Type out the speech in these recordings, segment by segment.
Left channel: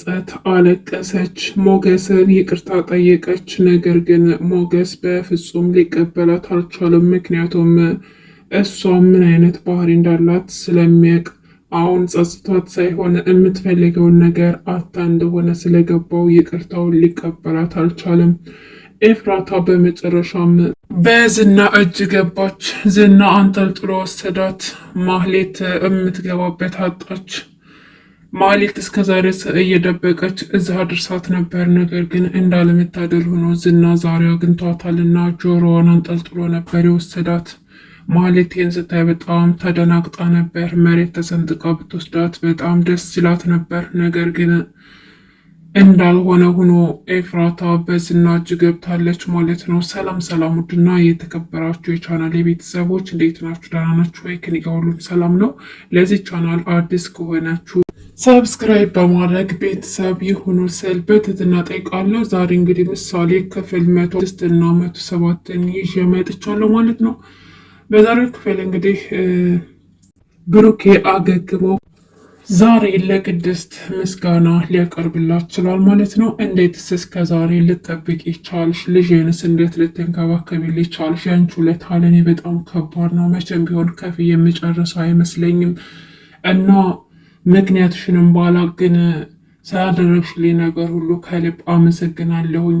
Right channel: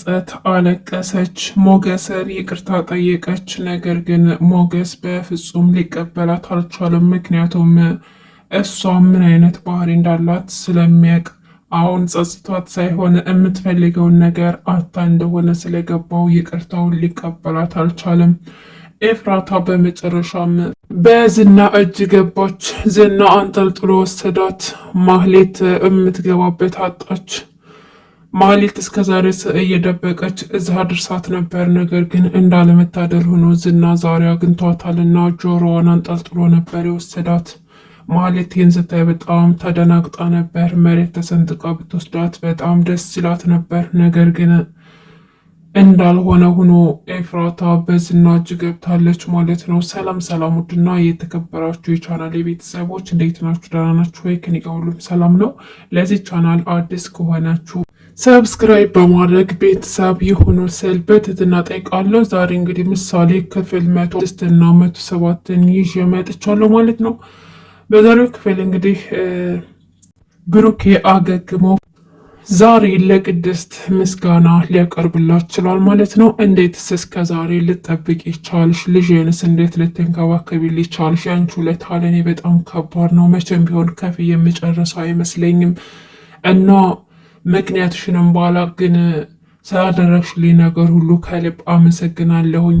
ጸት አለቀሰች። ሞገስን ይቅርታ ጠየቀች። ነገር ግን ሞገስ በፍጹም ሊቀበላት አልቻለም። ምክንያቱም እሷ ምን አይነት ባህሪ እንዳላት ስለሚያውቅ አሁን ጸጽቷት ሳይሆን የምትፈልገውን ነገር አታ እንደሆነ ስለገባው ይቅርታውን ሊቀበላት አልቻለም። ኤፍራታ በመጨረሻም በዝና እጅ ገባች። ዝና አንጠልጥሎ ወሰዳት። ማህሌት የምትገባበት አጣች። ማህሌት እስከዛሬ እየደበቀች እዛ ድርሳት ነበር። ነገር ግን እንዳለመታደል ሆኖ ዝና ዛሬ አግኝቷታልና ጆሮዋን አንጠልጥሎ ነበር የወሰዳት። ማህሌት ይህን ስታይ በጣም ተደናግጣ ነበር። መሬት ተሰንጥቃ ብትወስዳት በጣም ደስ ይላት ነበር። ነገር ግን እንዳልሆነ ሆኖ ኤፍራታ በዝና እጅ ገብታለች ማለት ነው። ሰላም ሰላም! ውድና የተከበራችሁ የቻናል ቤተሰቦች እንዴት ናችሁ? ደህና ናችሁ ወይ? ከእኔ ጋር ሁሉም ሰላም ነው። ለዚህ ቻናል አዲስ ከሆናችሁ ሰብስክራይብ በማድረግ ቤተሰብ የሆኑ ስል በትህትና ጠይቃለሁ። ዛሬ እንግዲህ ምሳሌ ክፍል 106 እና 107ን ይዤ መጥቻለሁ ማለት ነው። በዛሬው ክፍል እንግዲህ ብሩኬ አገግሞ ዛሬ ለቅድስት ምስጋና ሊያቀርብላት ችሏል ማለት ነው። እንዴትስ እስከ ዛሬ ልጠብቅ ይቻልሽ? ልጅንስ እንዴት ልትንከባከቢልኝ ቻልሽ? ያንቺ ውለታ ለእኔ በጣም ከባድ ነው። መቼም ቢሆን ከፍዬ የምጨርሰው አይመስለኝም እና ምክንያትሽንም ባላቅ ግን ስላደረግሽልኝ ነገር ሁሉ ከልብ አመሰግናለሁኝ።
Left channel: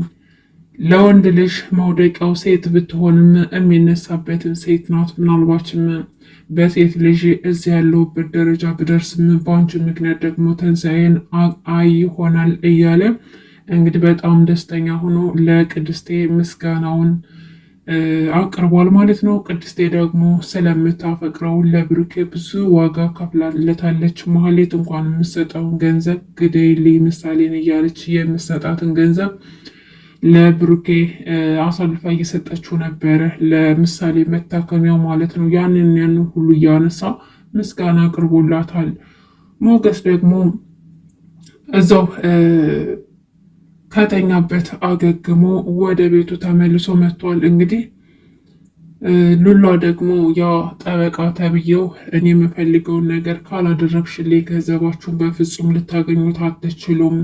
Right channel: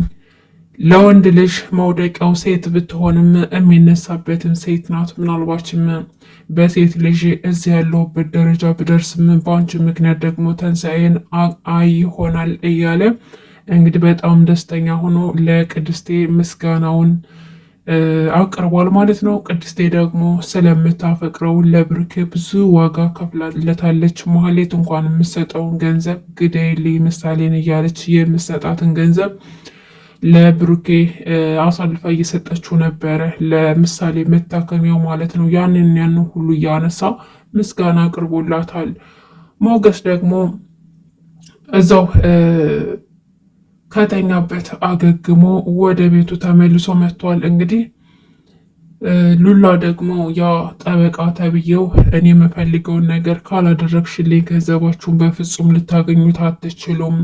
ለወንድ ልጅ መውደቂያው ሴት ብትሆንም የሚነሳበትን ሴት ናት። ምናልባችም በሴት ልጅ እዚህ ያለሁበት ደረጃ ብደርስም በአንቺ ምክንያት ደግሞ ተንሳኤን አይ ይሆናል እያለ እንግዲህ በጣም ደስተኛ ሆኖ ለቅድስቴ ምስጋናውን አቅርቧል ማለት ነው። ቅድስቴ ደግሞ ስለምታፈቅረው ለብሩኬ ብዙ ዋጋ ከፍላለታለች። ማህሌት እንኳን የምሰጠውን ገንዘብ ግደይልኝ ምሳሌን እያለች የምሰጣትን ገንዘብ ለብሩኬ አሳልፋ እየሰጠችው ነበረ፣ ለምሳሌ መታከሚያው ማለት ነው። ያንን ሁሉ እያነሳ ምስጋና አቅርቦላታል። ሞገስ ደግሞ እዛው ከተኛበት አገግሞ ወደ ቤቱ ተመልሶ መጥቷል። እንግዲህ ሉላ ደግሞ ያ ጠበቃ ተብዬው እኔ የምፈልገውን ነገር ካላደረግሽልኝ ገንዘባችሁን በፍጹም ልታገኙት አትችሉም፣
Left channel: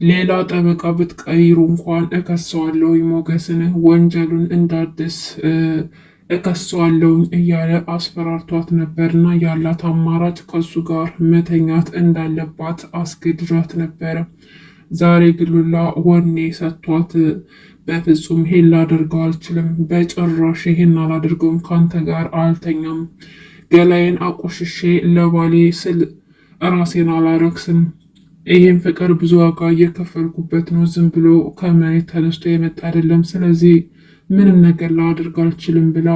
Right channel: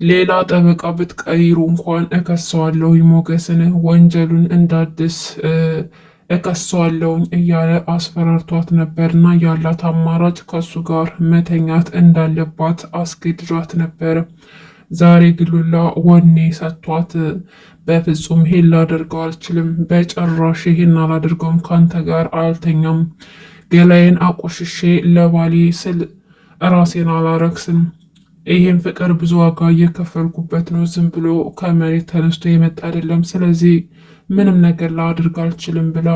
ሌላ ጠበቃ ብትቀይሩ እንኳን እከሰዋለሁ፣ ሞገስን ወንጀሉን እንዳድስ እከሰዋለሁኝ እያለ አስፈራርቷት ነበርና ያላት አማራጭ ከሱ ጋር መተኛት እንዳለባት አስገድዷት ነበር። ዛሬ ግሉላ ወኔ ሰጥቷት በፍጹም ይሄን ላደርገው አልችልም፣ በጭራሽ ይሄን አላደርገውም፣ ካንተ ጋር አልተኛም፣ ገላዬን አቆሽሼ ለባሌ ስል ራሴን አላረክስም፣ ይሄን ፍቅር ብዙ ዋጋ እየከፈልኩበት ነው፣ ዝም ብሎ ከመሬት ተነስቶ የመጣ አይደለም፣ ስለዚህ ምንም ነገር ላድርግ አልችልም ብላ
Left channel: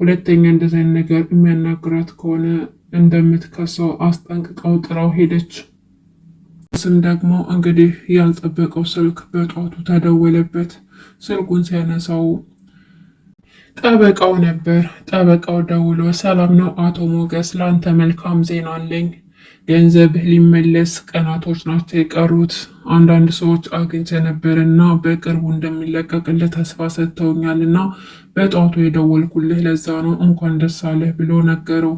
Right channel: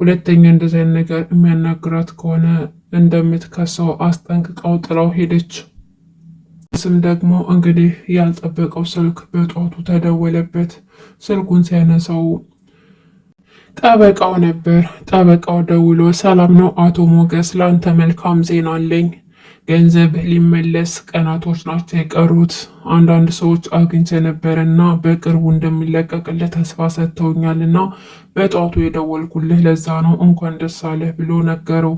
ሁለተኛ እንደዚህ አይነት ነገር የሚያናግራት ከሆነ እንደምትከሰው አስጠንቅቀው ጥላው ሄደች። ስም ደግሞ እንግዲህ ያልጠበቀው ስልክ በጧቱ ተደወለበት። ስልኩን ሲያነሳው ጠበቃው ነበር። ጠበቃው ደውሎ ሰላም ነው አቶ ሞገስ፣ ለአንተ መልካም ዜና አለኝ። ገንዘብህ ሊመለስ ቀናቶች ናቸው የቀሩት። አንዳንድ ሰዎች አግኝቼ ነበር እና በቅርቡ እንደሚለቀቅልህ ተስፋ ሰጥተውኛል እና በጧቱ የደወልኩልህ ለዛ ነው፣ እንኳን ደስ አለህ ብሎ ነገረው።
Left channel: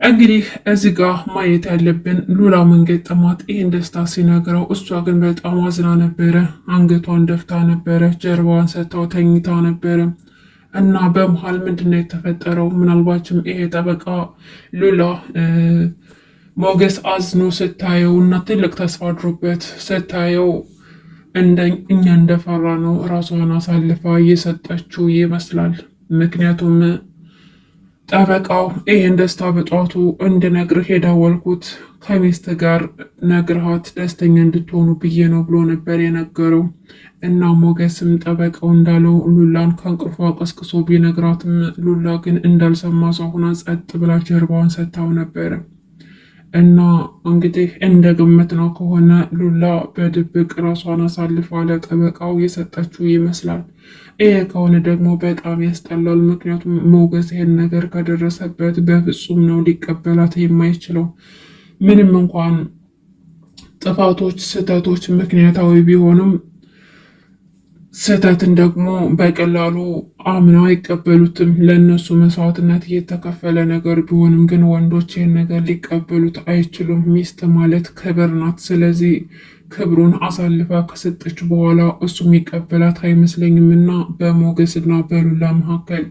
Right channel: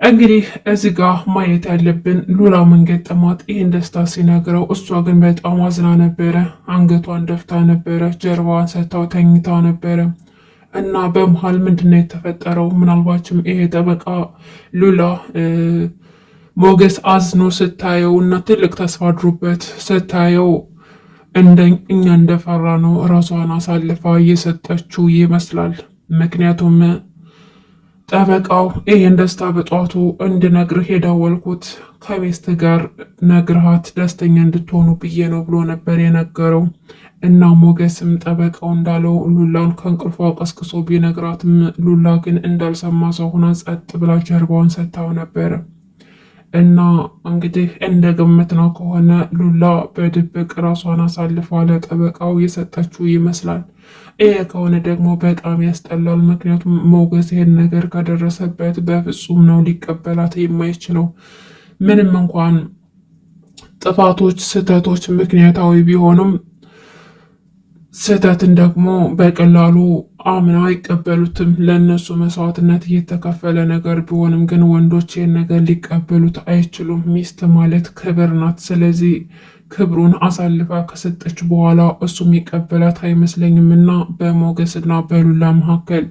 እንግዲህ እዚህ ጋር ማየት ያለብን ሉላ ምን ገጠማት? ይህን ደስታ ሲነግረው እሷ ግን በጣም አዝና ነበረ። አንገቷን ደፍታ ነበረ፣ ጀርባዋን ሰጥታው ተኝታ ነበረ እና በመሀል ምንድነው የተፈጠረው? ምናልባችም ይሄ ጠበቃ ሉላ ሞገስ አዝኖ ስታየው እና ትልቅ ተስፋ አድሮበት ስታየው እኛ እንደፈራ ነው ራሷን አሳልፋ እየሰጠችው ይመስላል። ምክንያቱም ጠበቃው ይህን ደስታ በጧቱ እንድነግርህ የደወልኩት ከሚስት ጋር ነግርሃት ደስተኛ እንድትሆኑ ብዬ ነው ብሎ ነበር የነገረው። እና ሞገስም ጠበቃው እንዳለው ሉላን ከእንቅልፏ ቀስቅሶ ቢነግራትም ሉላ ግን እንዳልሰማ ሰው ሆና ጸጥ ብላ ጀርባዋን ሰጥታው ነበረ። እና እንግዲህ እንደ ግምት ነው ከሆነ ሉላ በድብቅ ራሷን አሳልፋ ለጠበቃው የሰጠችው ይመስላል። ይሄ ከሆነ ደግሞ በጣም ያስጠላል። ምክንያቱም ሞገስ ይሄን ነገር ከደረሰበት በፍጹም ነው ሊቀበላት የማይችለው። ምንም እንኳን ጥፋቶች፣ ስህተቶች ምክንያታዊ ቢሆኑም ስህተትን ደግሞ በቀላሉ አምና አይቀበሉትም። ለእነሱ መስዋዕትነት እየተከፈለ ነገር ቢሆንም ግን ወንዶች ይህን ነገር ሊቀበሉት አይችሉም። ሚስት ማለት ክብር ናት። ስለዚህ ክብሩን አሳልፋ ከሰጠች በኋላ እሱ የሚቀበላት አይመስለኝም እና በሞገስና በሉላ መካከል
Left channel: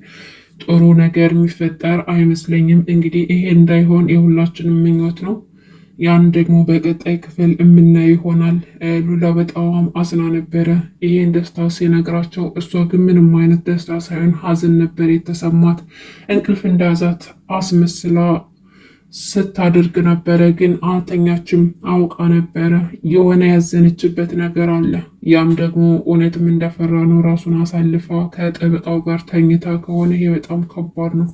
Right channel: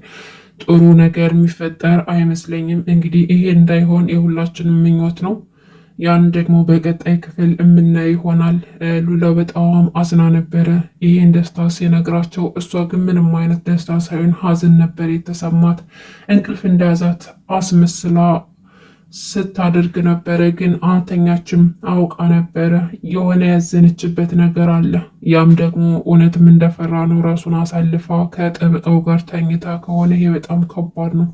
ጥሩ ነገር የሚፈጠር አይመስለኝም። እንግዲህ ይሄ እንዳይሆን የሁላችንም ምኞት ነው። ያን ደግሞ በቀጣይ ክፍል የምናየው ይሆናል። ሉላ በጣም አዝና ነበረ ይሄን ደስታ ሲነግራቸው፣ እሷ ግን ምንም አይነት ደስታ ሳይሆን ሀዘን ነበር የተሰማት። እንቅልፍ እንደያዛት አስመስላ ስታደርግ ነበረ፣ ግን አልተኛችም። አውቃ ነበረ የሆነ ያዘነችበት ነገር አለ። ያም ደግሞ እውነትም እንደፈራ ነው። ራሱን አሳልፋ ከጠበቃው ጋር ተኝታ ከሆነ ይሄ በጣም ከባድ ነው።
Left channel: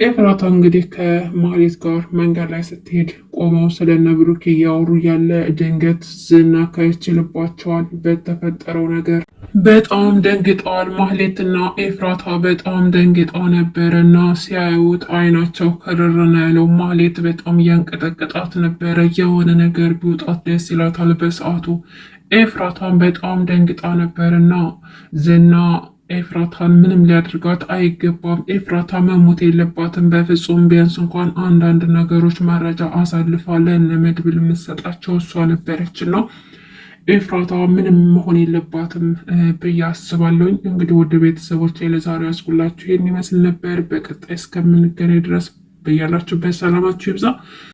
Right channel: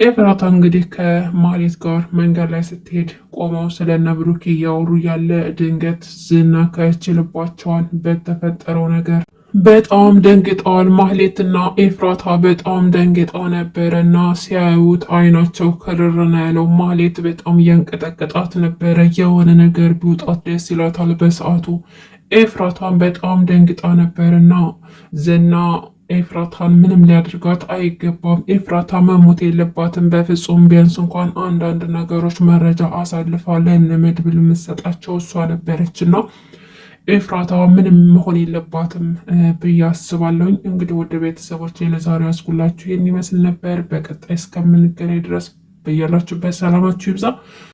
ኤፍራታ እንግዲህ ከማህሌት ጋር መንገድ ላይ ስትሄድ ቆመው ስለነ ብሩክ እያወሩ ያለ ድንገት ዝና ከችልባቸዋል። በተፈጠረው ነገር በጣም ደንግጠዋል። ማህሌትና ኤፍራታ በጣም ደንግጠው ነበረ እና ሲያዩት አይናቸው ከረረና ያለው። ማህሌት በጣም እያንቀጠቀጣት ነበረ። የሆነ ነገር ቢውጣት ደስ ይላታል በሰዓቱ። ኤፍራታን በጣም ደንግጣ ነበርና ዝና ኤፍራታን ምንም ሊያደርጋት አይገባም። ኤፍራታ መሞት የለባትም በፍጹም። ቢያንስ እንኳን አንዳንድ ነገሮች መረጃ አሳልፋ ለመድብል የምትሰጣቸው እሷ ነበረች እና ኤፍራታ ምንም መሆን የለባትም ብዬ አስባለሁኝ። እንግዲህ ወደ ቤተሰቦች ለዛሬው ያስኩላችሁ ይህን ይመስል ነበር። በቀጣይ እስከምንገናኝ ድረስ በያላችሁበት ሰላማችሁ ይብዛ።